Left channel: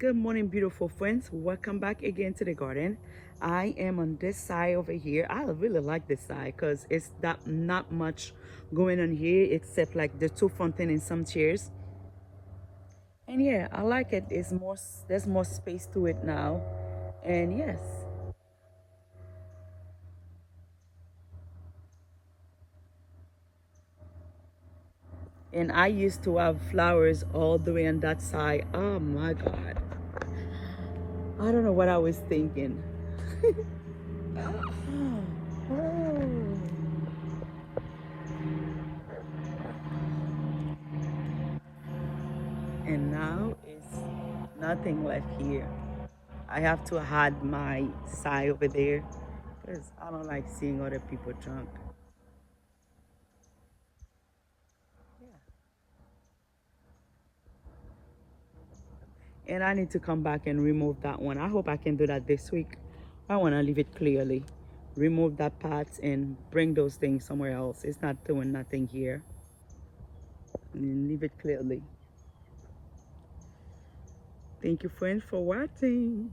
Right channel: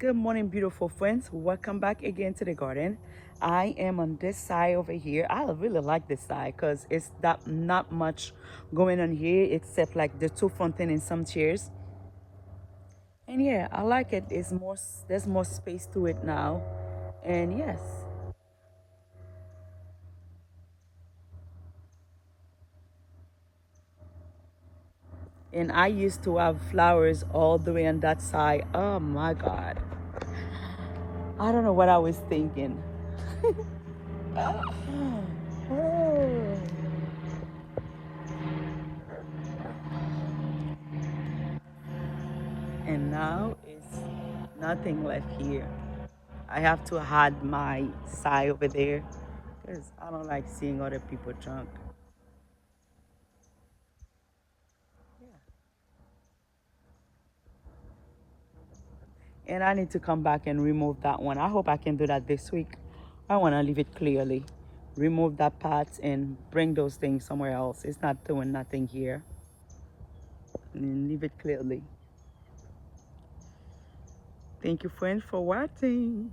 Good morning, beautiful friends. Welcome back again to the garden. I am on this side over here. I really like this side because it's not much going on here except like the two fountain and some chairs. And yeah, I like it. There's more space to it now. And yes. And I used to have flowers all the way on that side. Oh my God. I don't know what I was thinking. And now it's nothing left here. I have to hide my side over there because I don't like seeing other people drunk. And I need to come back and remove that one. I hope I can do that this week. I want to leave it clearly. Remove that part and bring those things somewhere else. It's not doing nothing here. And leave it clearly. Thank you, friends, for watching.